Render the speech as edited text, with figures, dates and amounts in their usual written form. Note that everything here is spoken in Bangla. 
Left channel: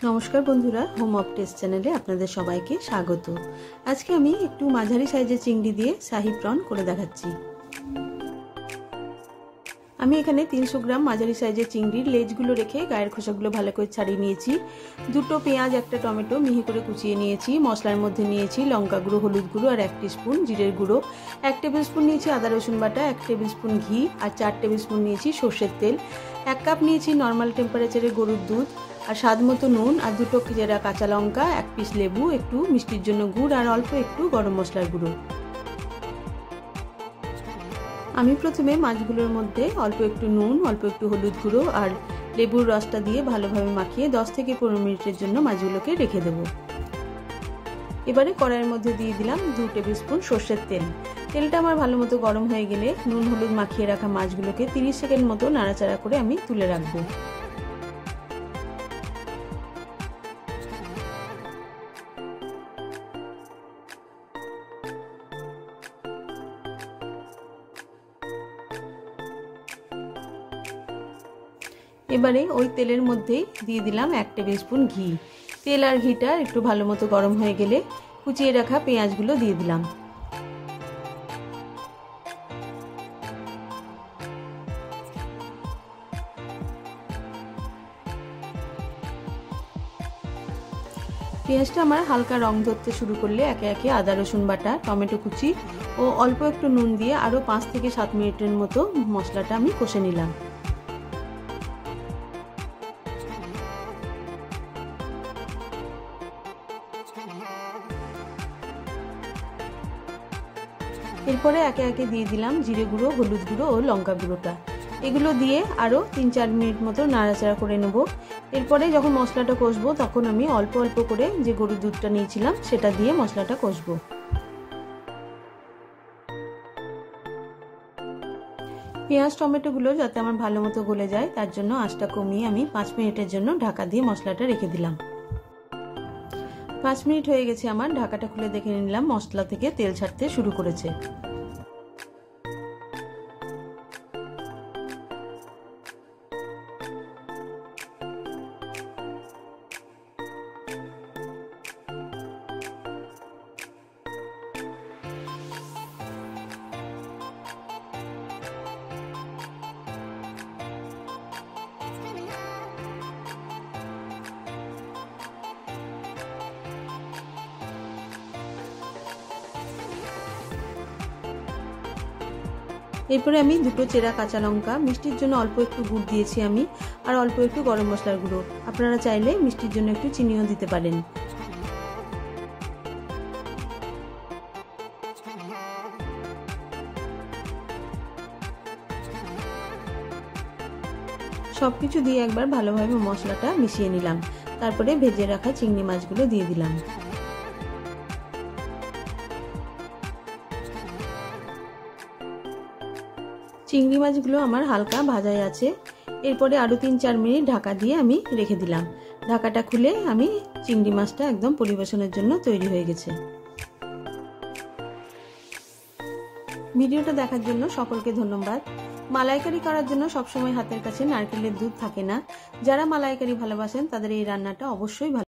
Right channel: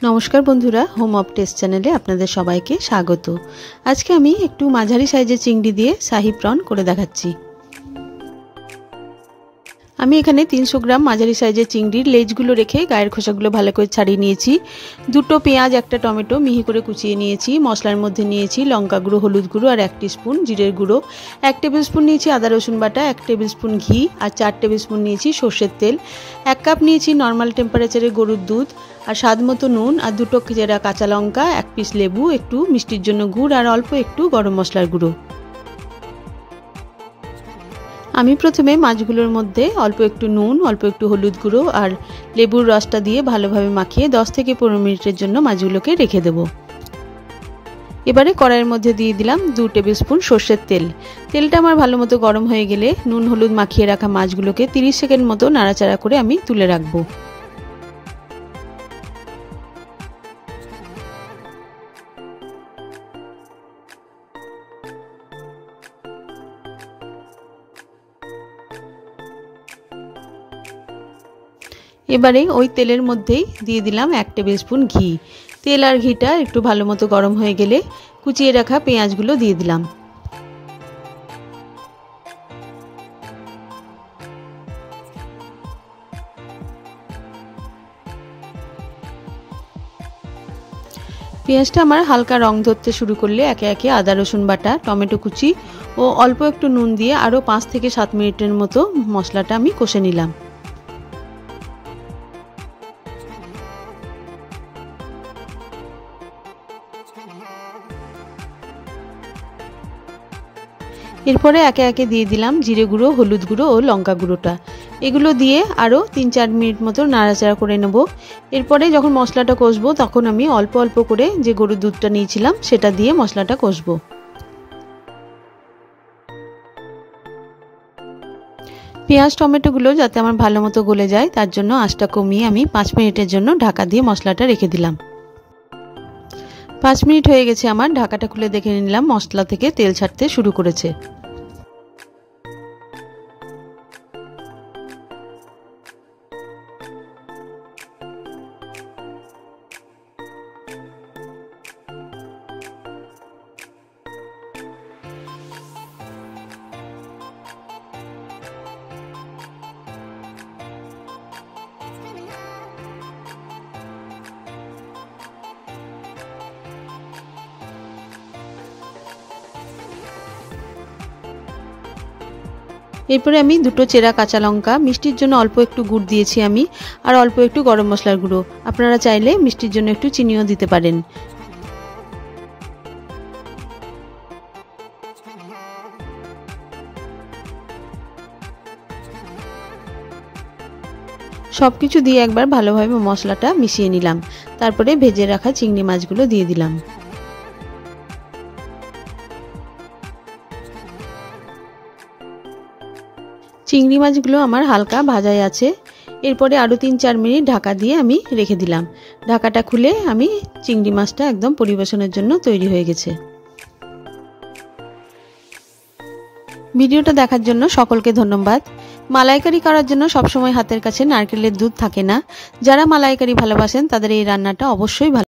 नमस्कार बंधुरा होम अफ टेस्ट चैनेले आपनादेर सबाइके स्वागत। आज के आमी एकटू माझारी साइजेर चिंगड़ी दिए शाही प्रन करे देखाच्छि। आमी एखाने 300 ग्राम माझारी साइजेर चिंगड़िर लेजगुलो रेखे गायेर खोसागुलो भालो करे छाड़िये नियेछि। दुटो पेঁয়াজ एकटा टमेटो मिहि करे कुचिये नियेछि। मशलार मध्ये नियेछि लंका गुड़ो, हलुद गुड़ो और 1 टीस्पुन जिरेर गुड़ो, 1 टेबिल स्पुन नियेछि आदा रसुन बाटा, 1 टेबिल स्पुन घी और 4 टेबिल स्पुन नियेछि सर्षेर तेल, 1 काप नियेछि नर्माल टेम्पारेचारे गरुर दूध और स्वाद मतो नुन और दुटो चेरा काँचा लंका, 1 पिस लेबू, एकटू मिष्टिर जन्य गुड़ और अल्प एकटू गरम मशलार गुड़ो। आमी प्रथमे माछगुलोर मध्य अल्प एकटू नुन, अल्प एकटू हलुद गुड़ो और लेबुर रसटा दिए भालोभाबे माखिए 10 থেকে 15 मिनिटेर जन्य माछगुलोके रेखे देब। एबारे कड़ाइয়ের मध्य दिए दिलाम 2 टेबिल स्पुन सर्षेर तेल। तेलटा आमार भालोमतो गरम हये गेले नुन हलुद माखिए राखा माछगुलोके 30 सेकेंड मतो नाड़ाचाड़ा करे आमी तुले राखबो। एबारे ओई तेलेर मध्येई दिए दिलाम 1 टेबिल स्पुन घी। तेल और घीटा एकटू भालोमतो गरम हये गेले कुचिए राखा पेঁয়াজগুলো दिए दिलाम। पेঁয়াজটা আমার হালকা রং ধরতে শুরু করলে একে একে আদা রসুন বাটা, টমেটো কুচি ও অল্প একটু নুন দিয়ে আরো 5 থেকে 7 মিনিটের মতো মশলাটা আমি কষে নিলাম। এরপরে একে একে দিয়ে দিলাম জিরে গুঁড়ো, হলুদ গুঁড়ো ও লঙ্কা গুঁড়োটা। এগুলো দিয়ে আরও 3-4 মিনিট মতো নাড়াচাড়া করে নেব। এরপরে যখন মশলাটা কষবো তখন আমি অল্প অল্প করে যে গরুর দুধটা নিয়েছিলাম সেটা দিয়ে মশলাটা কষবো। পেঁয়াজ টমেটোগুলো যাতে আমার ভালো মতো গলে যায় তার জন্য আঁচটা কমিয়ে আমি 5 মিনিটের জন্য ঢাকা দিয়ে মশলাটা রেখে দিলাম। 5 মিনিট হয়ে গেছে আমার। ঢাকাটা খুলে দেখে নিলাম মশলা থেকে তেল ছাড়তে শুরু করেছে। এরপরে আমি দুটো চেরা কাঁচা লঙ্কা, মিষ্টির জন্য অল্প একটু গুড় দিয়েছি আমি আর অল্প একটু গরম মশলার গুঁড়ো। আপনারা চাইলে মিষ্টির জন্য একটু চিনিও দিতে পারেন। সবকিছু দিয়ে একবার ভালোভাবে মশলাটা মিশিয়ে নিলাম। তারপরে ভেজে রাখা চিংড়ি মাছগুলো দিয়ে দিলাম। চিংড়ি মাছগুলো আমার হালকা ভাজাই আছে। এরপরে আরও 3-4 মিনিট ঢাকা দিয়ে আমি রেখে দিলাম। ঢাকাটা খুলে আমি চিংড়ি মাছটা একদম পরিবেশনের জন্য তৈরি হয়ে গেছে। ভিডিওটা দেখার জন্য সকলকে ধন্যবাদ। মালাইকারি করার জন্য সবসময় হাতের কাছে নারকেলের দুধ থাকে না। যারা মালাইকারি ভালোবাসেন তাদের এই রান্নাটা অবশ্যই ভালো